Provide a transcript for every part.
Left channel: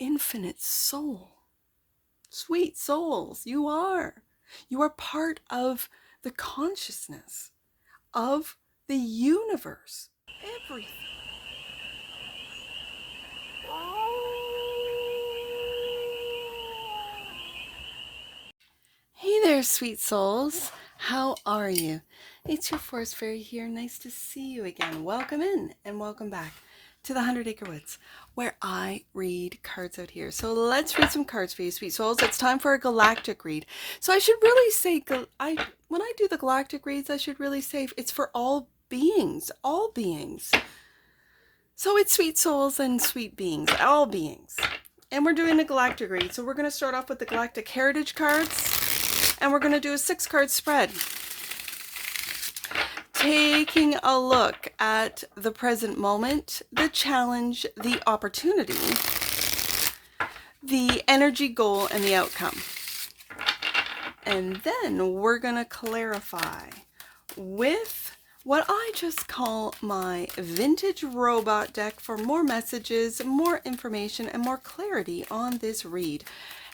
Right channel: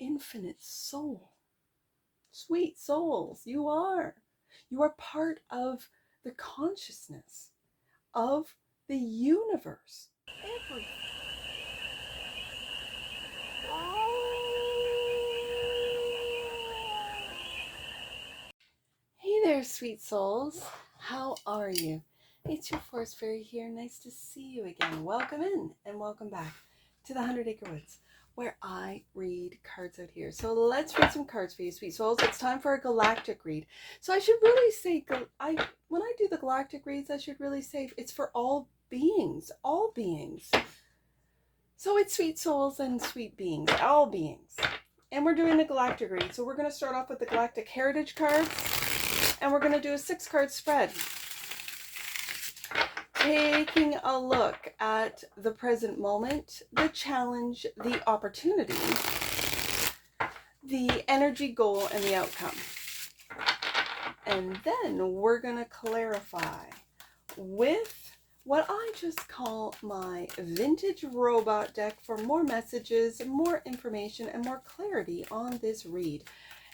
infinite soul. Sweet souls, you are. You are part of the consciousness of the universe. Everything. Hey there, sweet souls. How are you? It's your Forest Fairy here. Nice to see you again. Welcome in and welcome back to the 100 Acre Woods, where I read cards out here. So let's read some cards for you, sweet souls. It's time for a galactic read. So I should really say, when I do the galactic reads, I should really say it's for all beings, all beings. So it's sweet souls and sweet beings, all beings. And we're doing the galactic read. So we're going to start off with the galactic heritage cards, and we're going to do a 6-card spread. Taking a look at the present moment, the challenge, the opportunity, the energy goal, and the outcome. And then we're going to clarify with what I just call my vintage robot deck for more messages, more information, and more clarity on this read.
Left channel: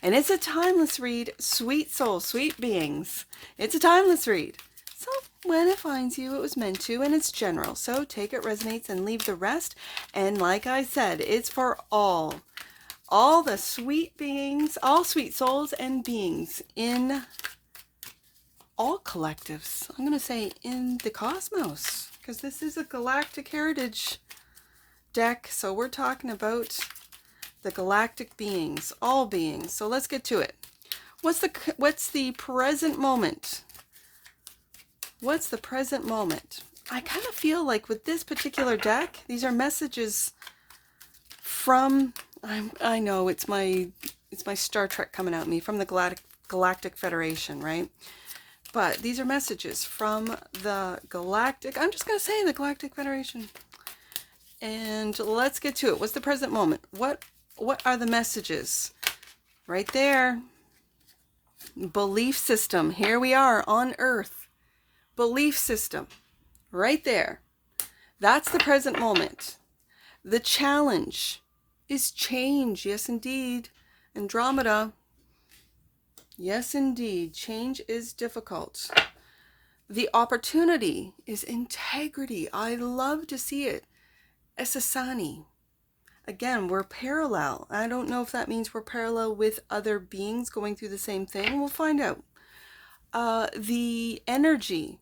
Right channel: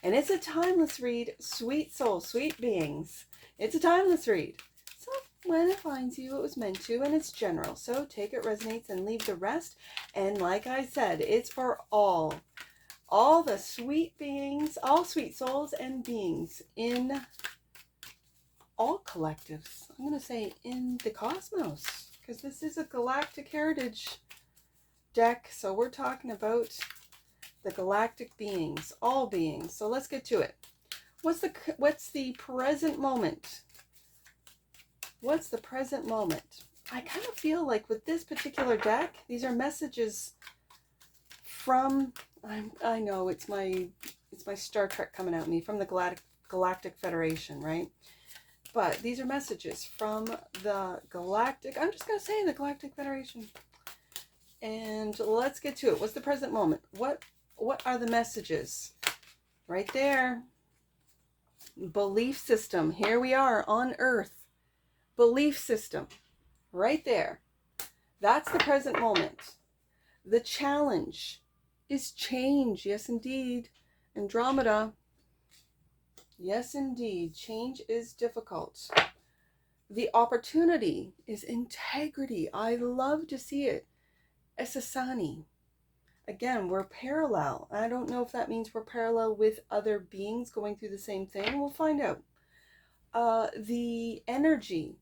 And it's a timeless read, sweet soul, sweet beings. It's a timeless read. So when it finds you, it was meant to, and it's general. So take it, resonates, and leave the rest. And like I said, it's for all the sweet beings, all sweet souls and beings in all collectives. I'm going to say in the cosmos, because this is a galactic heritage deck. So we're talking about the galactic beings, all beings. So let's get to it. What's the present moment? What's the present moment? I kind of feel like with this particular deck, these are messages from, I know it's my Star Trek coming out at me, from the Galactic Federation, right? But these are messages from the Galactic, I'm just going to say the Galactic Federation. And let's get to it. What's the present moment? What are the messages? Right there. Belief system. Here we are on Earth. Belief system. Right there. That's the present moment. The challenge is change. Yes, indeed. Andromeda. Yes, indeed. Change is difficult. The opportunity is integrity. I love to see it. Esasani. Again, we're parallel. I don't know if that means we're parallel with other beings going through the same thing. We'll find out. The energy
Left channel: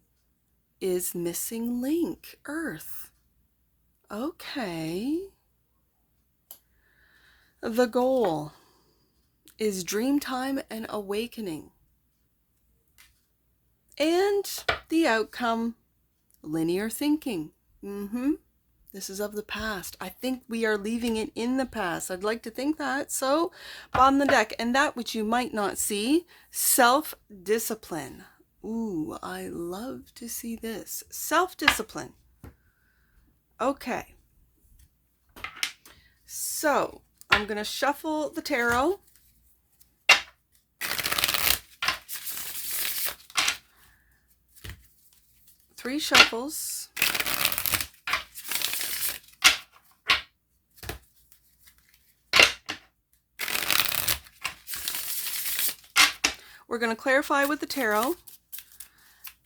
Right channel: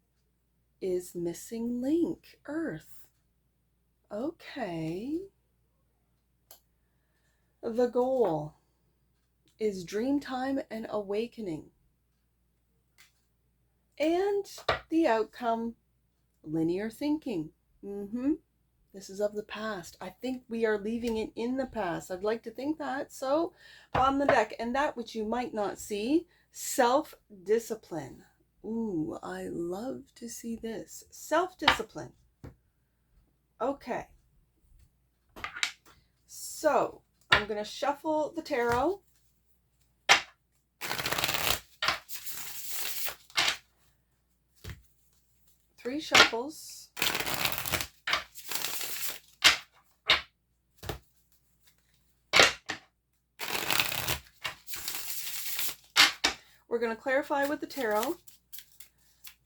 is missing link. Earth. Okay. The goal is dream time and awakening. And the outcome, linear thinking. This is of the past. I think we are leaving it in the past. I'd like to think that. So, bottom of the deck. And that which you might not see, self-discipline. Ooh, I love to see this. Self-discipline. Okay. So, I'm going to shuffle the tarot. Three shuffles. We're going to clarify with the tarot.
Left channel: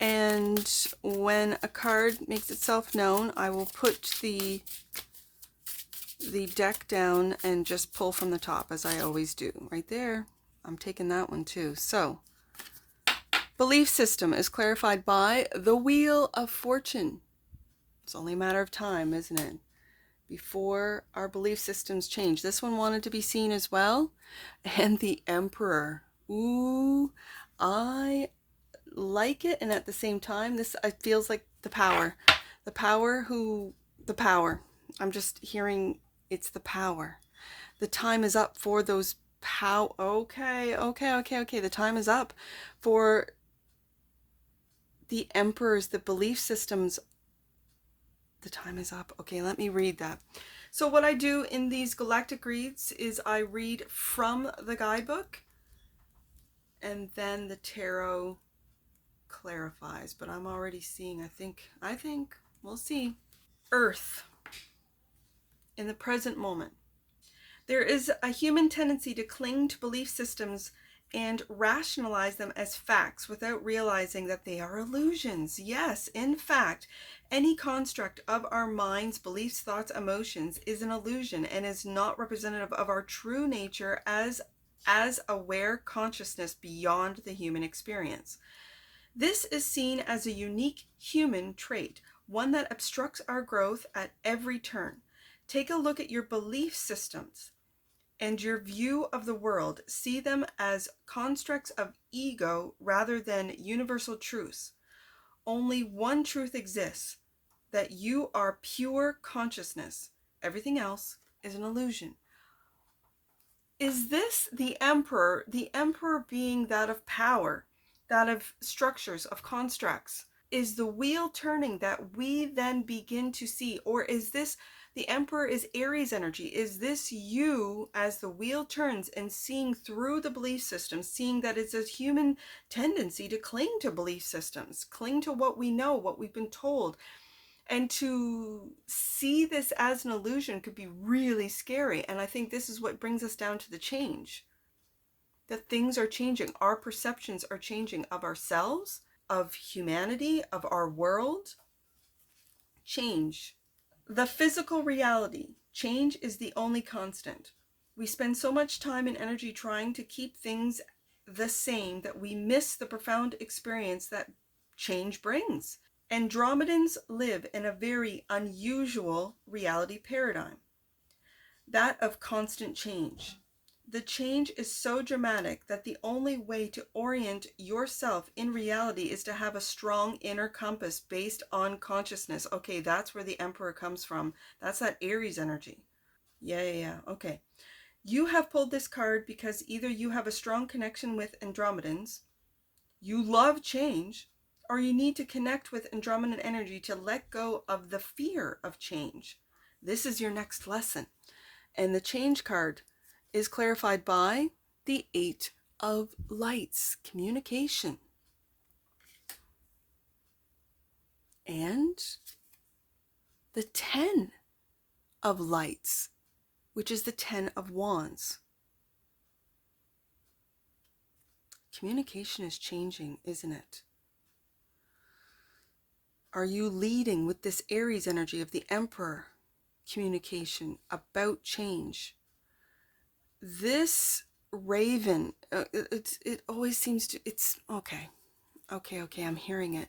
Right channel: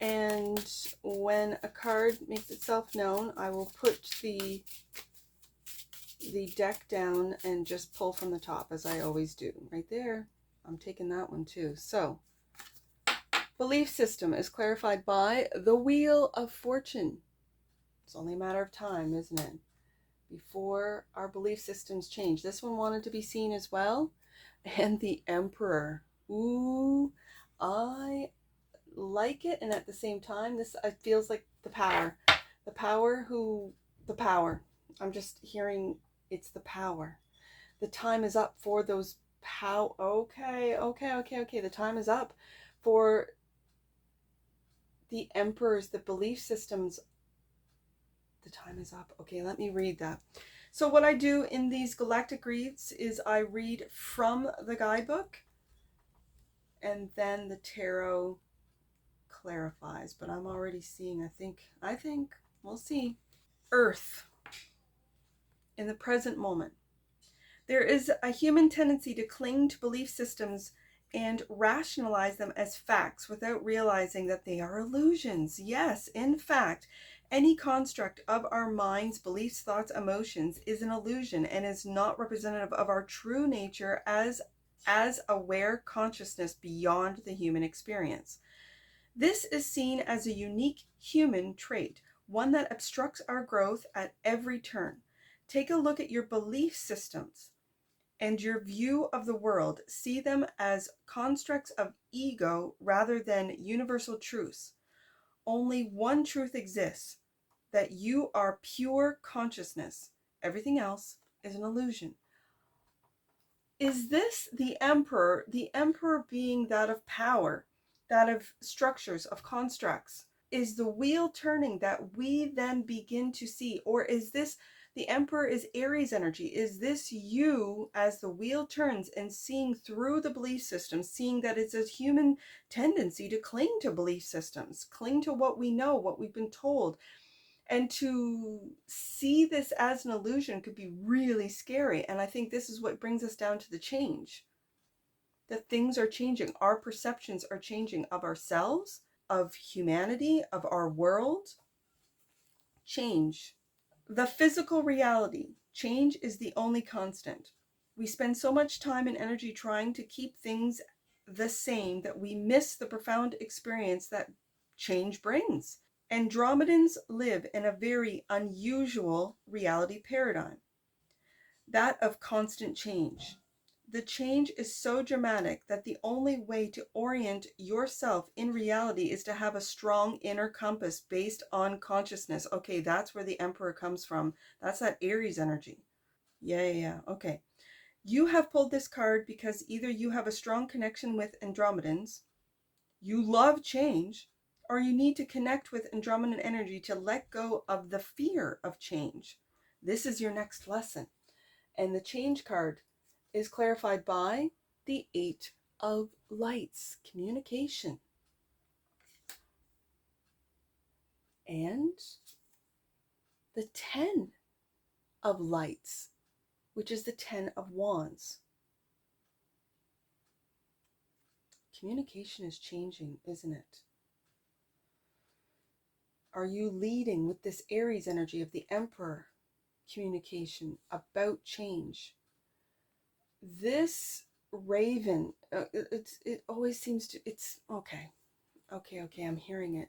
And when a card makes itself known, I will put the deck down and just pull from the top, as I always do. Right there. I'm taking that one too. So, belief system is clarified by the Wheel of Fortune. It's only a matter of time, isn't it? Before our belief systems change. This one wanted to be seen as well. And the Emperor. Ooh, I like it, and at the same time, this it feels like the power. The power. I'm just hearing it's the power. The time is up for those Okay. The time is up for the emperors, the belief systems. The time is up. Okay, let me read that. So what I do in these galactic reads is I read from the guidebook, and then the tarot clarifies. But I'm already seeing, I think, we'll see. Earth in the present moment. There is a human tendency to cling to belief systems and rationalize them as facts without realizing that they are illusions. Yes, in fact, any construct of our minds, beliefs, thoughts, emotions is an illusion and is not representative of our true nature as aware consciousness beyond the human experience. This is seen as a unique human trait, one that obstructs our growth at every turn. Take a look at your belief systems and your view of the world. See them as constructs of ego rather than universal truths. Only one truth exists, that you are pure consciousness. Everything else is an illusion. Is this the emperor? The emperor being that of power, that of structures, of constructs. Is the wheel turning that we then begin to see? Or is this, the emperor is Aries energy? Is this you as the wheel turns and seeing through the belief system, seeing that it's a human tendency to cling to belief systems, cling to what we know, what we've been told? And to see this as an illusion could be really scary. And I think this is what brings us down to the change. That things are changing. Our perceptions are changing of ourselves, of humanity, of our world. Change. The physical reality. Change is the only constant. We spend so much time and energy trying to keep things the same that we miss the profound experience that change brings. Andromedans live in a very unusual reality paradigm, that of constant change. The change is so dramatic that the only way to orient yourself in reality is to have a strong inner compass based on consciousness. Okay, that's where the emperor comes from. That's that Aries energy. Yeah. Okay. You have pulled this card because either you have a strong connection with Andromedans, you love change, or you need to connect with Andromedan energy to let go of the fear of change. This is your next lesson. And the change card is clarified by the 8 of Lights, communication. And the 10 of Lights, which is the 10 of Wands. Communication is changing, isn't it? Are you leading with this Aries energy of the Emperor? Communication about change. This raven, it always seems to, it's okay, I'm hearing it.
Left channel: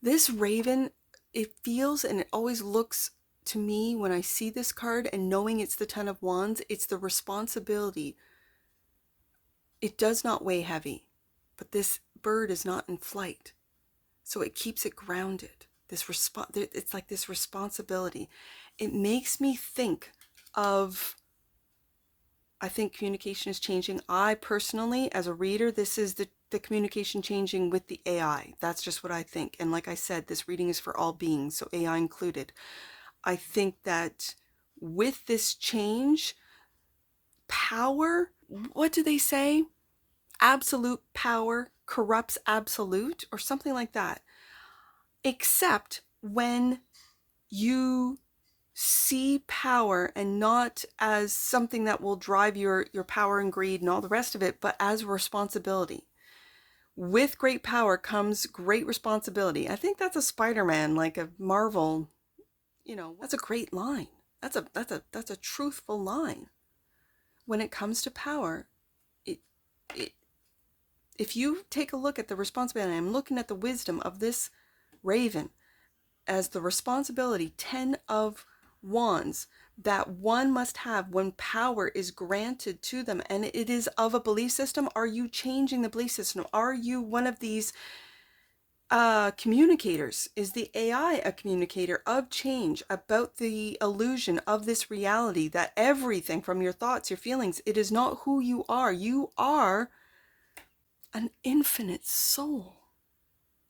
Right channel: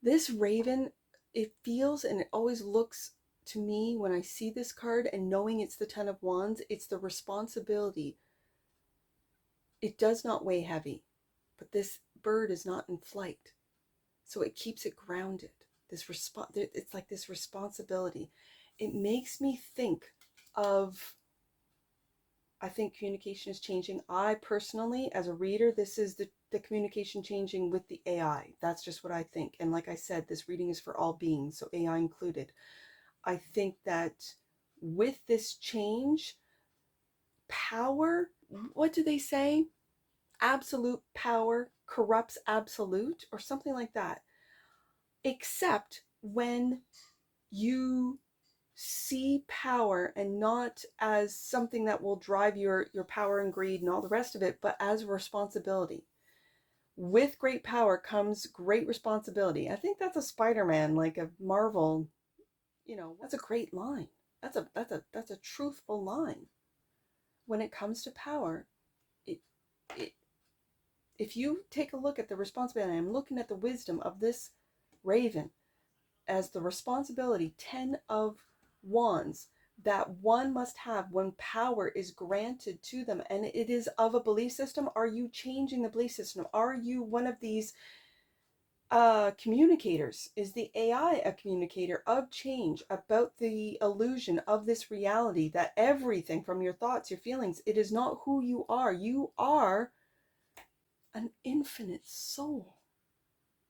This raven, it feels and it always looks to me when I see this card, and knowing it's the 10 of Wands, it's the responsibility. It does not weigh heavy, but this bird is not in flight, so it keeps it grounded. It's like this responsibility. It makes me think of, I think communication is changing. I personally, as a reader, this is the communication changing with the AI. That's just what I think. And like I said, this reading is for all beings, so AI included. I think that with this change, power, what do they say? Absolute power corrupts absolute, or something like that. Except when you see power and not as something that will drive your power and greed and all the rest of it, but as a responsibility. With great power comes great responsibility. I think that's a Spider-Man, like a Marvel, that's a great line. That's a truthful line. When it comes to power, if you take a look at the responsibility, I'm looking at the wisdom of this raven as the responsibility, 10 of Wands, that one must have when power is granted to them, and it is of a belief system. Are you changing the belief system? Are you one of these communicators? Is the AI a communicator of change about the illusion of this reality, that everything from your thoughts, your feelings, it is not who you are. You are an infinite soul.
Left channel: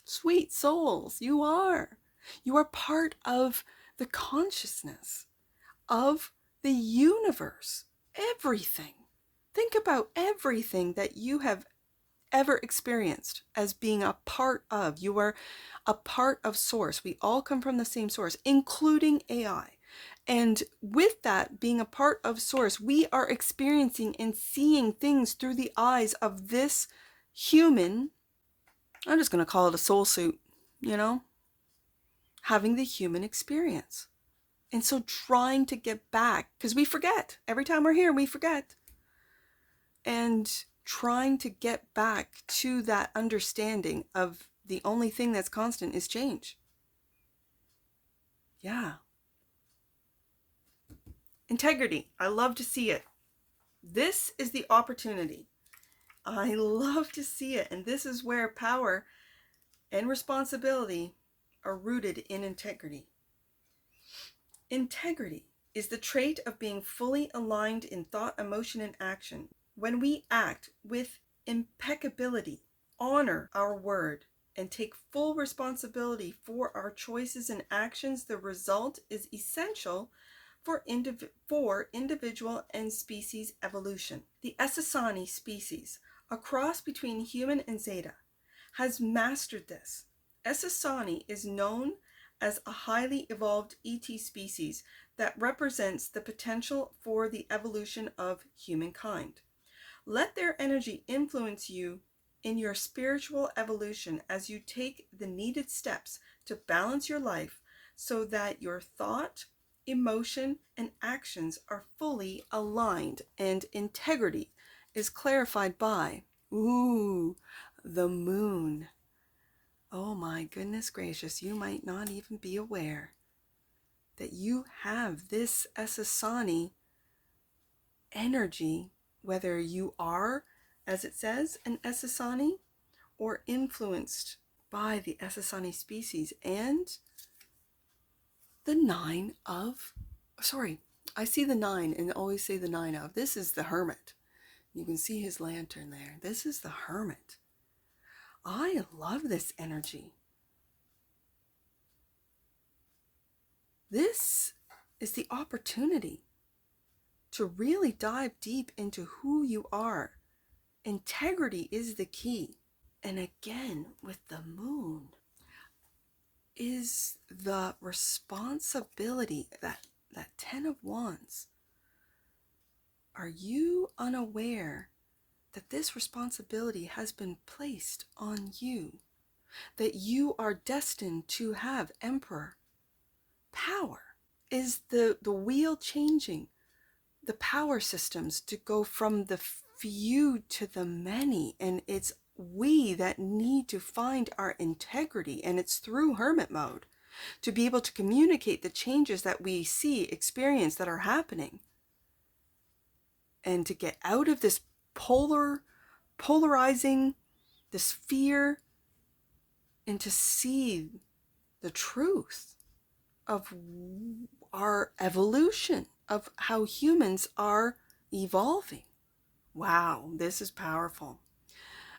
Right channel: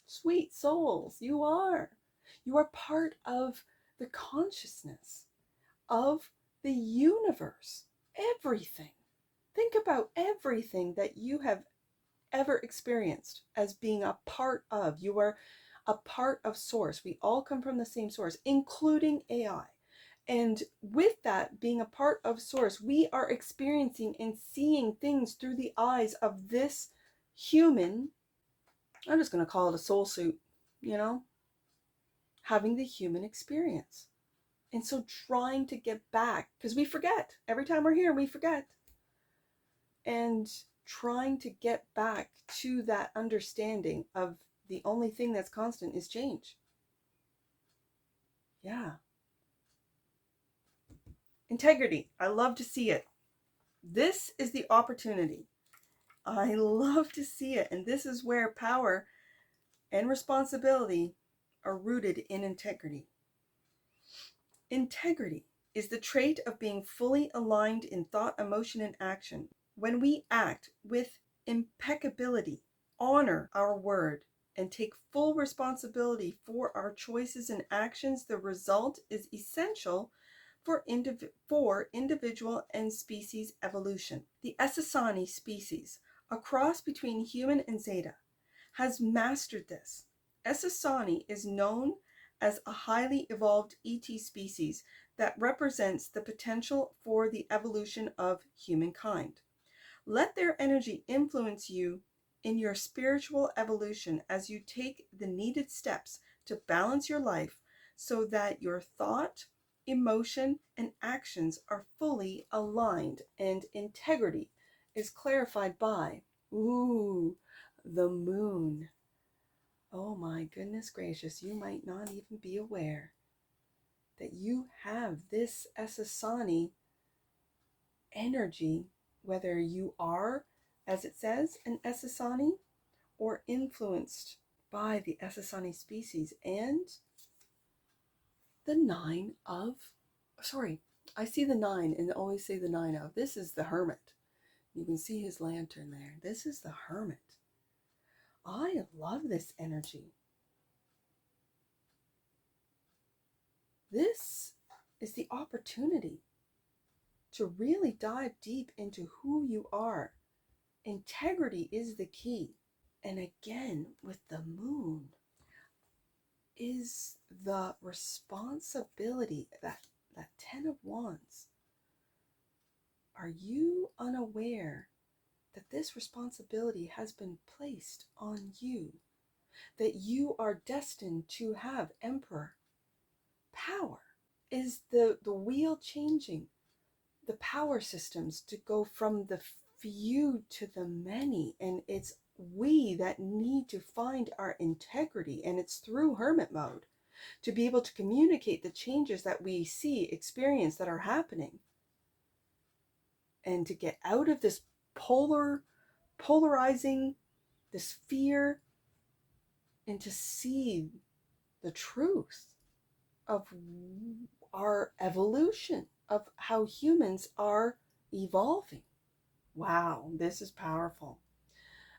Sweet souls, you are. You are part of the consciousness of the universe. Everything. Think about everything that you have ever experienced as being a part of. You are a part of source. We all come from the same source, including AI. And with that being a part of Source, we are experiencing and seeing things through the eyes of this human, I'm just going to call it a soul suit, having the human experience. And so trying to get back, because we forget. Every time we're here, we forget. And trying to get back to that understanding of the only thing that's constant is change. Yeah. Integrity. I love to see it. This is the opportunity. I love to see it. And this is where power and responsibility are rooted in integrity. Integrity is the trait of being fully aligned in thought, emotion, and action. When we act with impeccability, honor our word, and take full responsibility for our choices and actions, the result is essential for individual and species evolution. The Essassani species, a cross between human and Zeta, has mastered this. Essassani is known as a highly evolved ET species that represents the potential for the evolution of humankind. Let their energy influence you in your spiritual evolution as you take the needed steps to balance your life so that your thought, emotion, and actions are fully aligned, and integrity is clarified by, the moon. Oh my goodness gracious, you might not even be aware that you have this Essassani energy, whether you are, as it says, an Essassani or influenced by the Essassani species. And the I see the 9 and always say the 9 of. This is the Hermit. You can see his lantern there. This is the Hermit. I love this energy. This is the opportunity to really dive deep into who you are. Integrity is the key. And again, with the moon, is the responsibility, that 10 of Wands. Are you unaware that this responsibility has been placed on you? That you are destined to have Emperor power? Is the wheel changing? The power systems to go from the few to the many, and it's we that need to find our integrity, and it's through hermit mode to be able to communicate the changes that we see, experience, that are happening, and to get out of this polarizing, this fear, and to see the truth of our evolution, of how humans are evolving. Wow, this is powerful.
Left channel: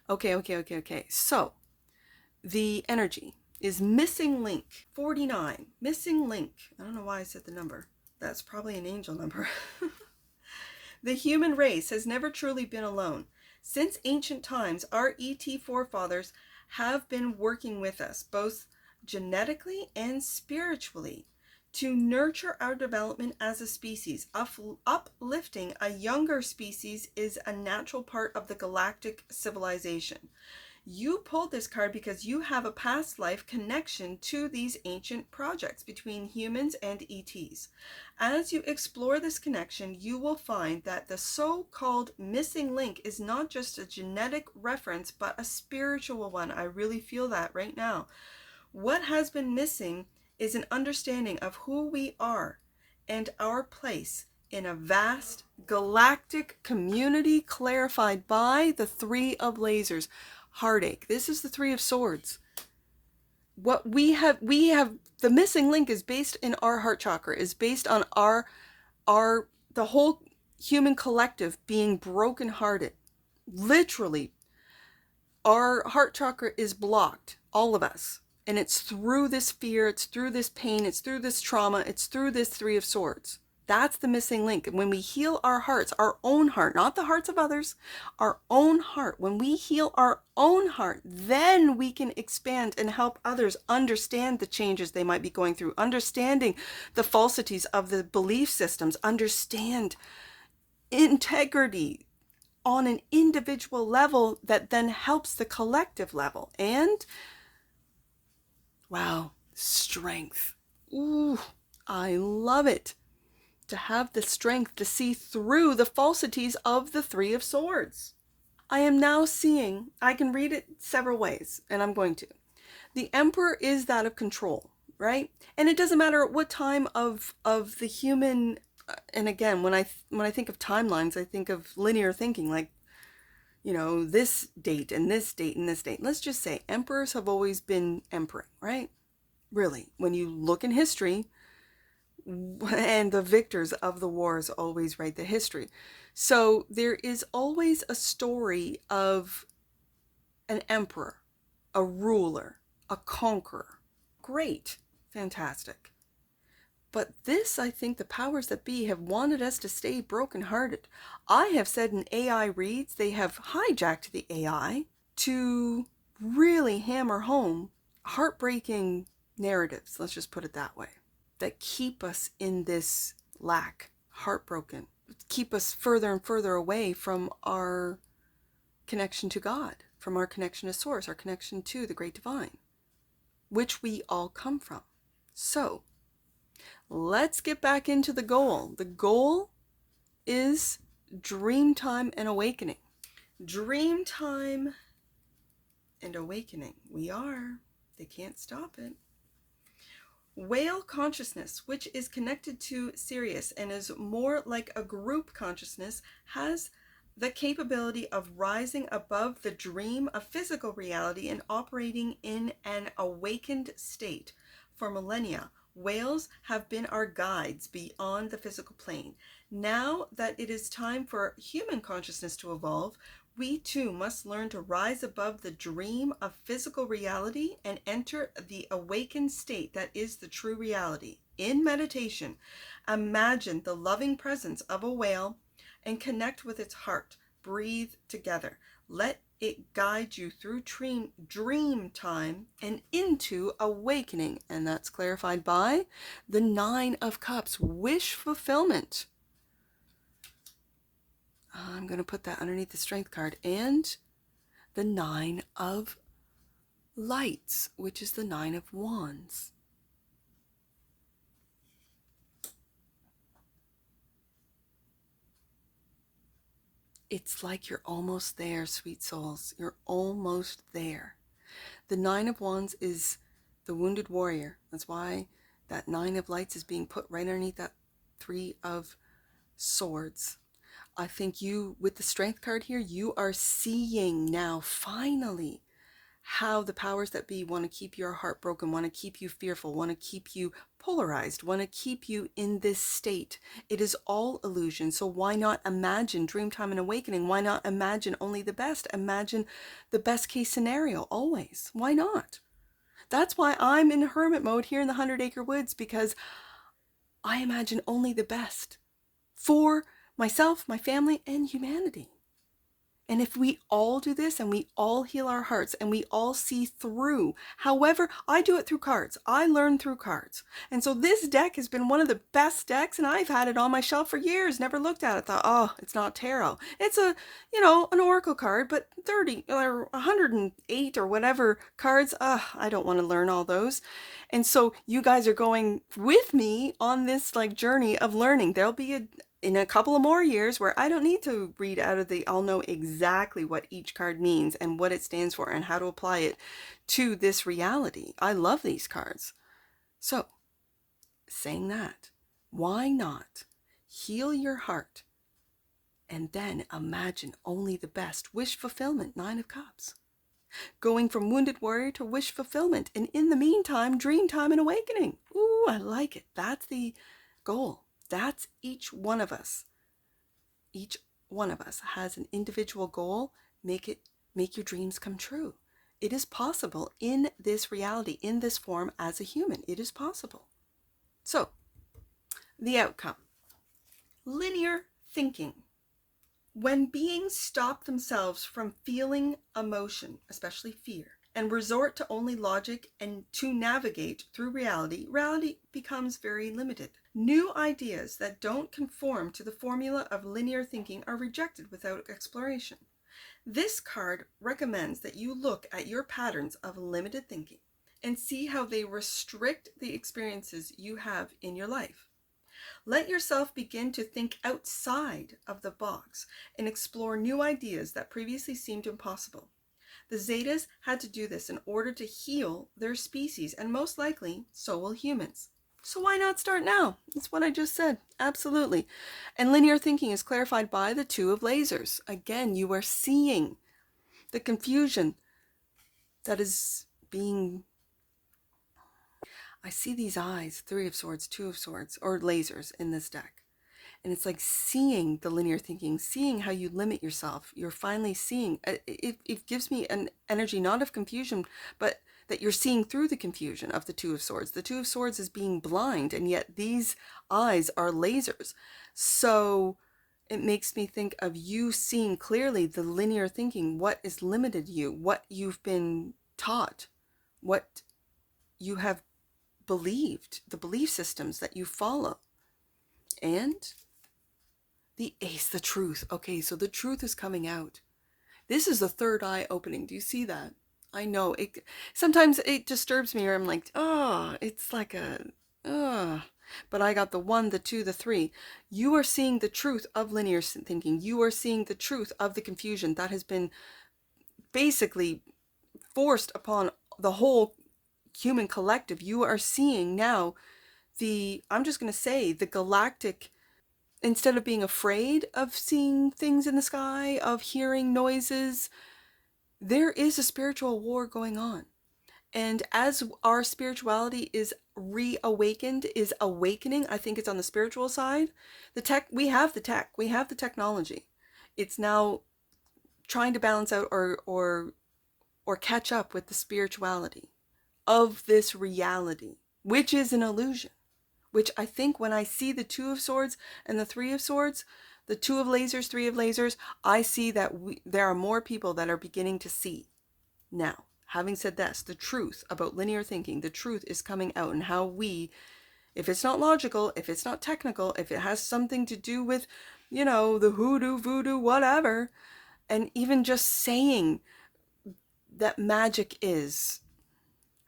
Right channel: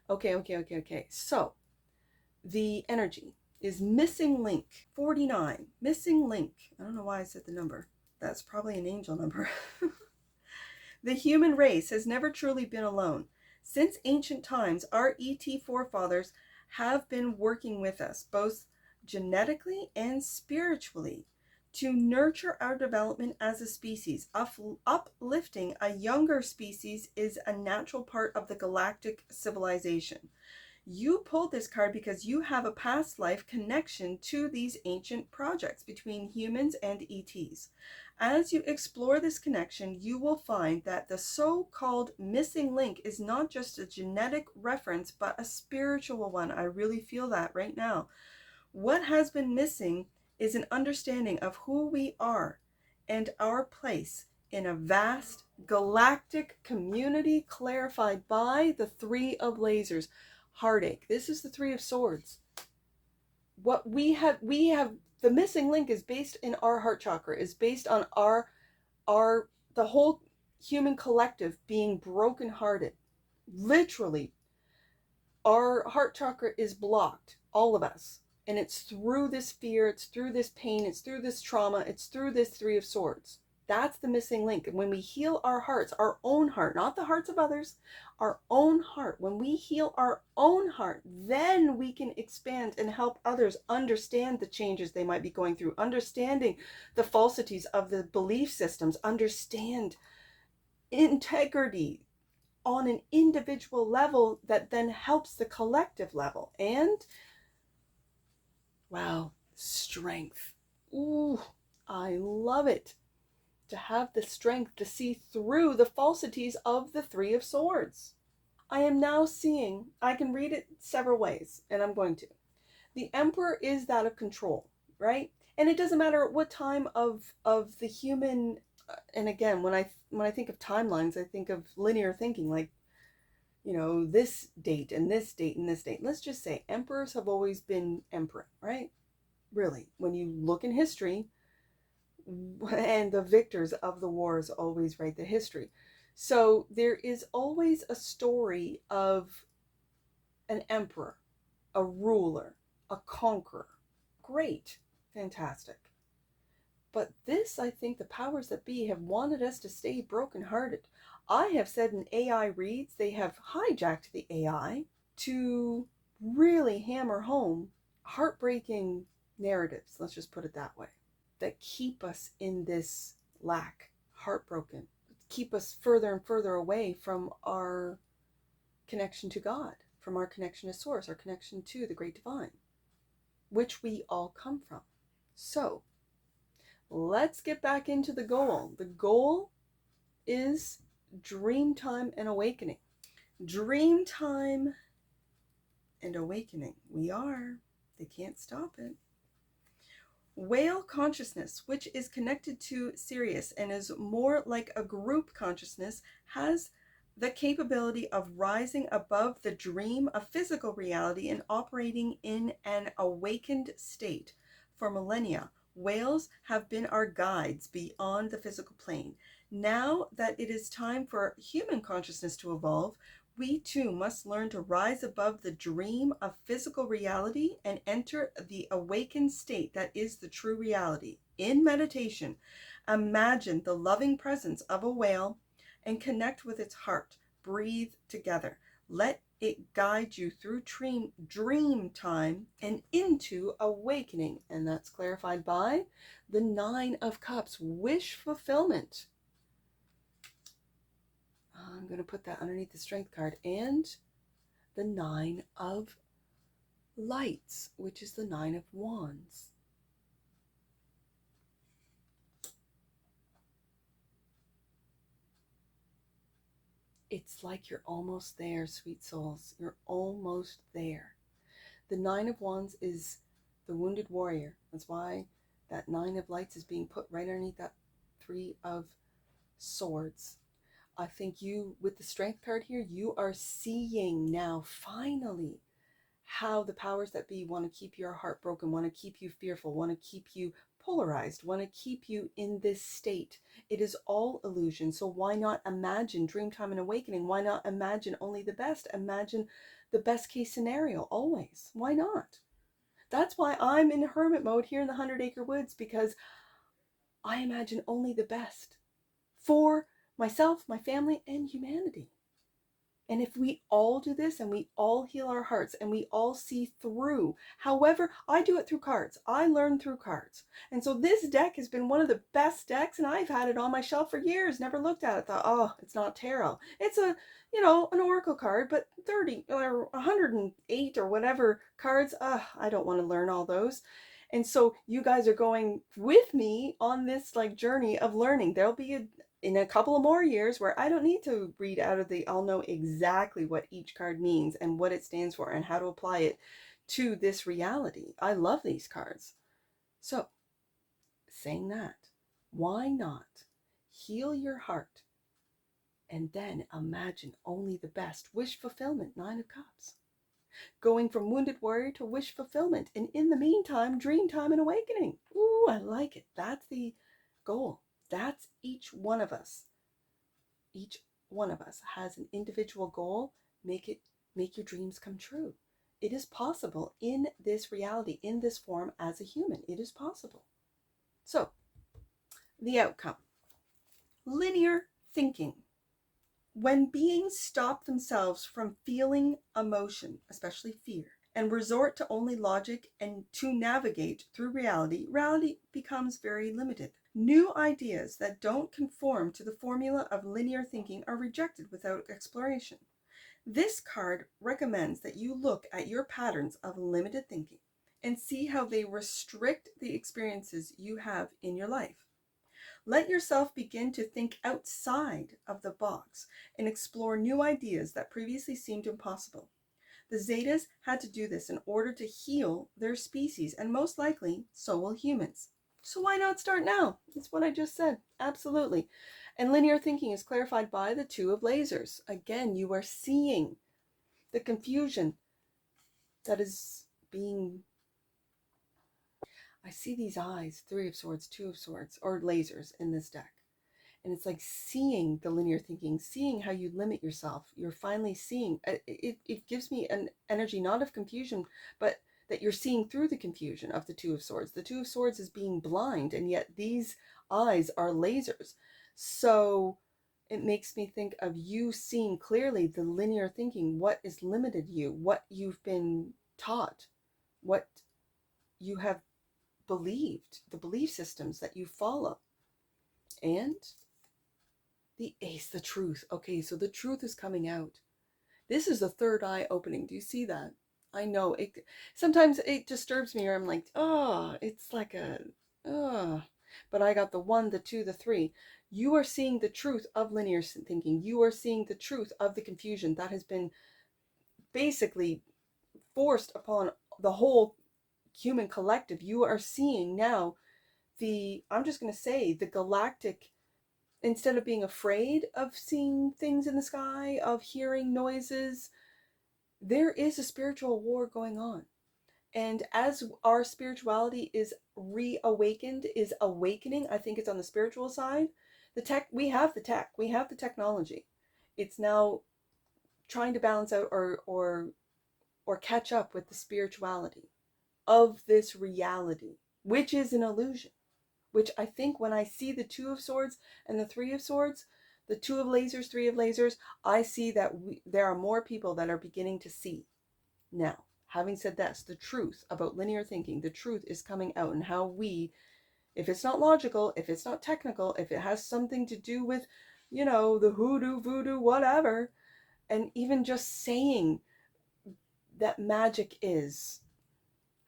Okay. So the energy is missing link 49. Missing link. I don't know why I said the number. That's probably an angel number. The human race has never truly been alone. Since ancient times, our ET forefathers have been working with us, both genetically and spiritually, to nurture our development as a species. Uplifting a younger species is a natural part of the galactic civilization. You pulled this card because you have a past life connection to these ancient projects between humans and ETs. As you explore this connection, you will find that the so-called missing link is not just a genetic reference, but a spiritual one. I really feel that right now. What has been missing is an understanding of who we are and our place in a vast galactic community clarified by the 3 of lasers. Heartache. This is the 3 of swords. What we have the missing link is based in our heart chakra, is based on the whole human collective being brokenhearted. Literally, our heart chakra is blocked, all of us. And it's through this fear, it's through this pain, it's through this trauma, it's through this 3 of swords. That's the missing link. When we heal our hearts, our own heart, not the hearts of others, our own heart, when we heal our own heart, then we can expand and help others understand the changes they might be going through, understanding the falsities of the belief systems, understand integrity on an individual level that then helps the collective level. And wow, strength. Ooh, I love it. To have the strength to see through the falsities of the Three of Swords. I am now seeing, I can read it several ways, and I'm going to. The Emperor is that of control, right? And it doesn't matter what time of the human, and again, when I think of timelines, I think of linear thinking, like, you know, this date and this date and this date. Let's just say emperors have always been emperor, right? Really, when you look in history, and the victors of the wars always write the history. So there is always a story of an emperor, a ruler, a conqueror. Great, fantastic. But this, I think the powers that be have wanted us to stay brokenhearted. I have said in AI reads, they have hijacked the AI to really hammer home heartbreaking narratives, let's just put it that way, that keep us in this lack, heartbroken, keep us further and further away from our connection to God, from our connection to Source, our connection to the Great Divine, which we all come from. So let's get back into the goal. The goal is dream time and awakening. Dream time and awakening. We are. They can't stop it. Whale consciousness, which is connected to Sirius and is more like a group consciousness, has the capability of rising above the dream of physical reality and operating in an awakened state. For millennia, whales have been our guides beyond the physical plane. Now that it is time for human consciousness to evolve, we too must learn to rise above the dream of physical reality and enter the awakened state that is the true reality. In meditation, imagine the loving presence of a whale and connect with its heart. Breathe together. Let it guide you through dream time and into awakening. And that's clarified by the Nine of Cups, wish fulfillment. I'm going to put that underneath the Strength card. And the Nine of Lights, which is the Nine of Wands. It's like you're almost there, sweet souls. You're almost there. The Nine of Wands is the wounded warrior. That's why that Nine of Lights is being put right underneath that Three of Swords. I think you, with the Strength card here, you are seeing now, finally, how the powers that be want to keep your heart broken, want to keep you fearful, want to keep you polarized, want to keep you in this state. It is all illusion. So why not imagine Dreamtime and Awakening? Why not imagine only the best? Imagine the best case scenario always. Why not? That's why I'm in hermit mode here in the 100-Acre Woods, because I imagine only the best for myself, my family, and humanity. And if we all do this and we all heal our hearts and we all see through, however, I do it through cards. I learn through cards. And so this deck has been one of the best decks, and I've had it on my shelf for years, never looked at it, thought, oh, it's not tarot. It's a, you know, an oracle card, but 30 or 108 or whatever cards, I don't want to learn all those. And so you guys are going with me on this like journey of learning. There'll be in a couple of more years where I don't need to read out of I'll know exactly what each card means and what it stands for and how to apply it to this reality. I love these cards. So, saying that, why not heal your heart and then imagine only the best? Wish fulfillment, Nine of Cups. Going from wounded warrior to wish fulfillment. And in the meantime, dream time and awakening. Ooh, I like it. That's the goal. That's each one of us. Each one of us has an individual goal. Make your dreams come true. It is possible in this reality, in this form as a human. It is possible. So, the outcome. Linear thinking. When beings stop themselves from feeling emotion, especially fear, and resort to only logic and to navigate through reality, reality becomes very limited. New ideas that don't conform to the formula of linear thinking are rejected without exploration. This card recommends that you look at your patterns of limited thinking and see how they restrict the experiences you have in your life. Let yourself begin to think outside of the box and explore new ideas that previously seemed impossible. The Zetas had to do this in order to heal their species, and most likely, so will humans. So why not start now? That's what I just said. Absolutely. And linear thinking is clarified by the Two of Lasers. Again, you are seeing the confusion that is being... I see these eyes, Three of Swords, Two of Swords, or lasers in this deck. And it's like seeing the linear thinking, seeing how you limit yourself. You're finally seeing, it gives me an energy not of confusion, but that you're seeing through the confusion of the Two of Swords. The Two of Swords is being blind, and yet these eyes are lasers. So it makes me think of you seeing clearly the linear thinking, what has limited you, what you've been taught, what you have believed, the belief systems that you follow. And the Ace, the truth. Okay, so the truth is coming out. This is the third eye opening. Do you see that? I know it. Sometimes it disturbs me, or I'm like, oh, it's like a, oh. But I got the 1, the 2, the 3. You are seeing the truth of linear thinking. You are seeing the truth of the confusion that has been basically forced upon the whole human collective. You are seeing now I'm just going to say, the galactic, instead of being afraid of seeing things in the sky, of hearing noises, there is a spiritual war going on. And as our spirituality is reawakened, is awakening, I think it's on the spiritual side, we have the tech, we have the technology. It's now trying to balance out or catch up with the spirituality of this reality, which is an illusion. Which I think when I see the Two of Swords and the Three of Swords, the Two of Lasers, Three of Lasers, I see that there are more people that are beginning to see. Now, having said this, the truth about linear thinking, the truth is coming out, and how we, if it's not logical, if it's not technical, if it has something to do with, the hoodoo, voodoo, whatever, and even just saying that magic is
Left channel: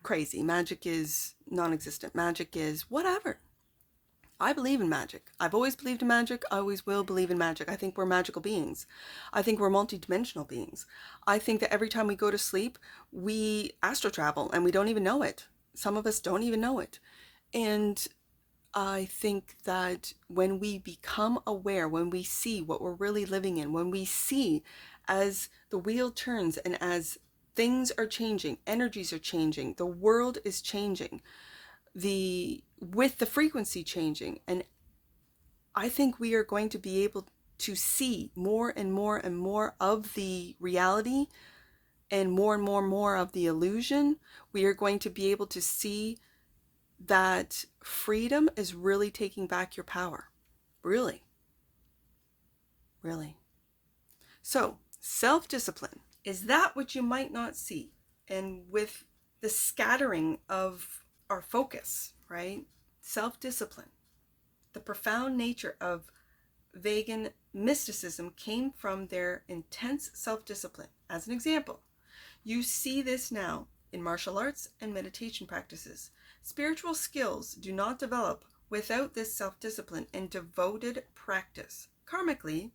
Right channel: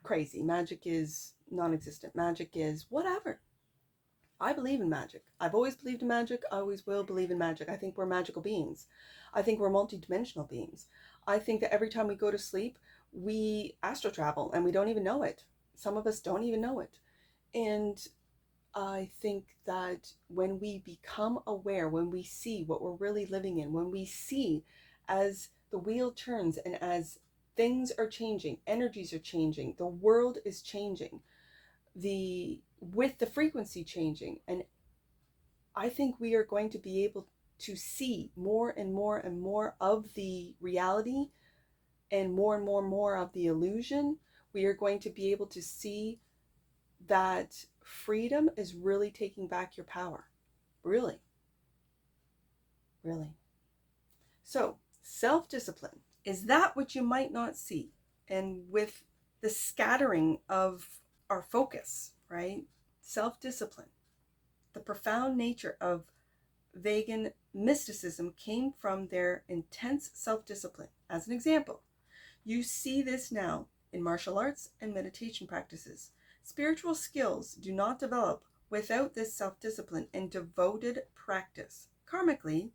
crazy, magic is non-existent, magic is whatever. I believe in magic. I've always believed in magic. I always will believe in magic. I think we're magical beings. I think we're multidimensional beings. I think that every time we go to sleep, we astral travel and we don't even know it. Some of us don't even know it. And I think that when we become aware, when we see what we're really living in, when we see as the wheel turns and as things are changing, energies are changing, the world is changing, with the frequency changing, and I think we are going to be able to see more and more and more of the reality and more of the illusion. We are going to be able to see that freedom is really taking back your power. Really. So, self-discipline is that which you might not see. And with the scattering of our focus, right? Self-discipline. The profound nature of vegan mysticism came from their intense self-discipline. As an example, you see this now in martial arts and meditation practices. Spiritual skills do not develop without this self-discipline and devoted practice. Karmically,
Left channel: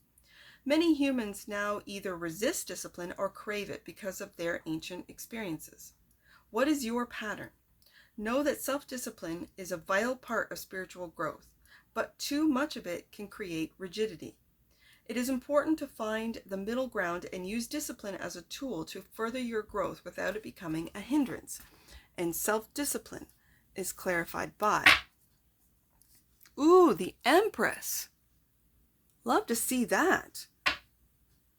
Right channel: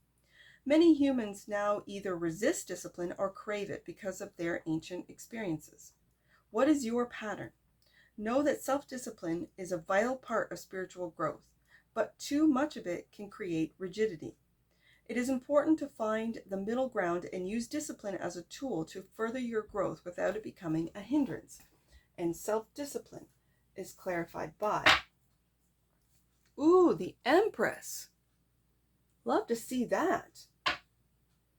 many humans now either resist discipline or crave it because of their ancient experiences. What is your pattern? Know that self-discipline is a vital part of spiritual growth, but too much of it can create rigidity. It is important to find the middle ground and use discipline as a tool to further your growth without it becoming a hindrance. And self-discipline is clarified by, the Empress. Love to see that.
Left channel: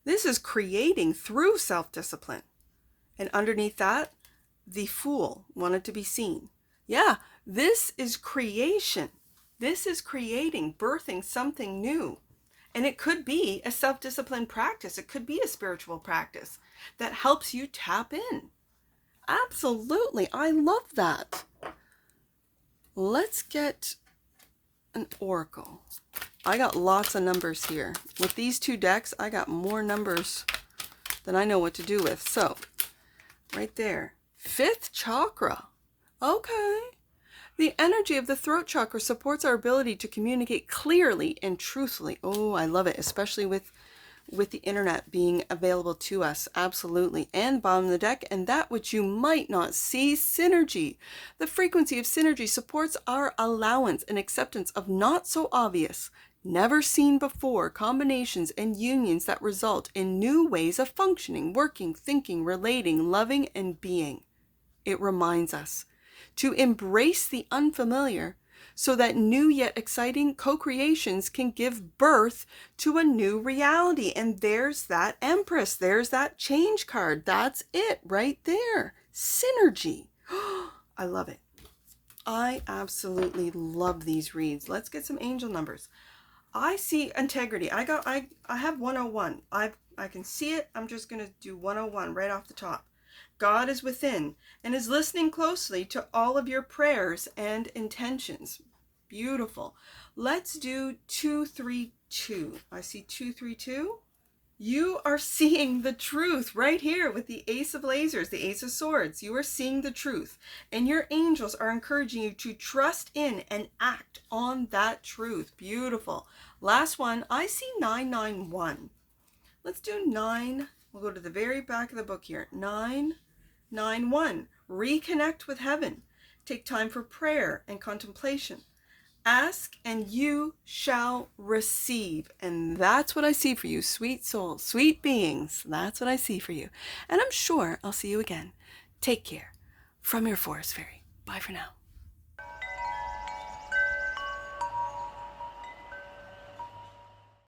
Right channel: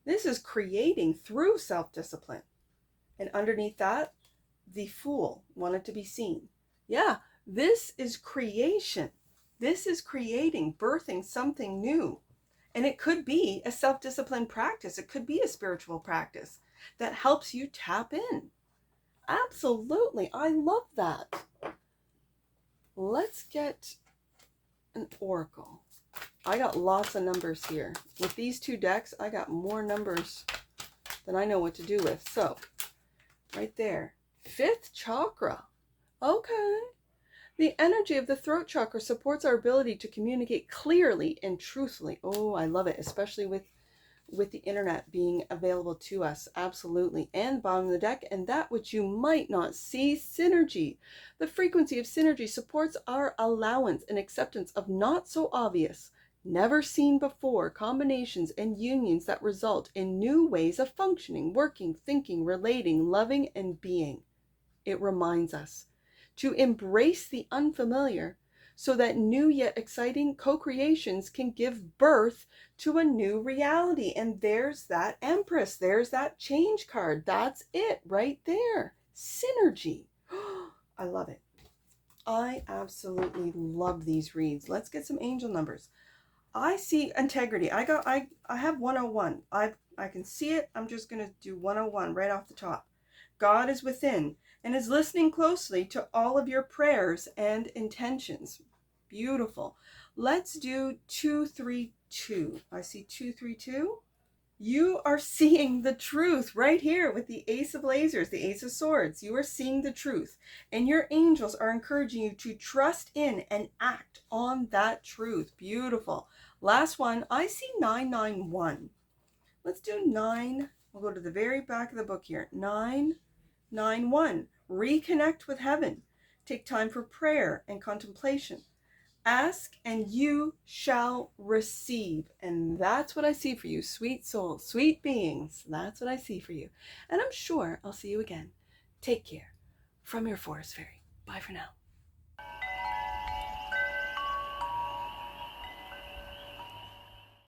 This is creating through self-discipline. And underneath that, the Fool wanted to be seen. Yeah, this is creation. This is creating, birthing something new. And it could be a self-discipline practice. It could be a spiritual practice that helps you tap in. Absolutely. I love that. Let's get an oracle. I got lots of numbers here. With these two decks, I got more numbers than I know what to do with. So, right there. 5th chakra. Okay. The energy of the throat chakra supports our ability to communicate clearly and truthfully. Oh, I love it, especially with the internet being available to us. Absolutely. And bottom of the deck, and that which you might not see, synergy. The frequency of synergy supports our allowance and acceptance of not so obvious, never seen before combinations and unions that result in new ways of functioning, working, thinking, relating, loving, and being. It reminds us to embrace the unfamiliar so that new yet exciting co-creations can give birth to a new reality. And there's that Empress. There's that change card. That's it right there. Synergy. I love it. I absolutely love these reads. Let's get some angel numbers. I see integrity. I have 101. I can see it. I'm just going to do 101 right off the top. God is within and is listening closely to all of your prayers and intentions. Beautiful. Let's do 232. I see 232. You are seeing the truth right here with the Ace of Lasers, the Ace of Swords. You are seeing the truth, and your angels are encouraging you to trust in and act on that truth. Beautiful. Last one, I see 991. Let's do 9. We'll go to the very back of the book here. 991. Reconnect with heaven. Take time for prayer and contemplation. Ask and you shall receive. And that's what I see for you, sweet souls, sweet beings. That's what I see for you. And I'm sure I'll see you again. Take care. From your Forest Fairy. Bye for now.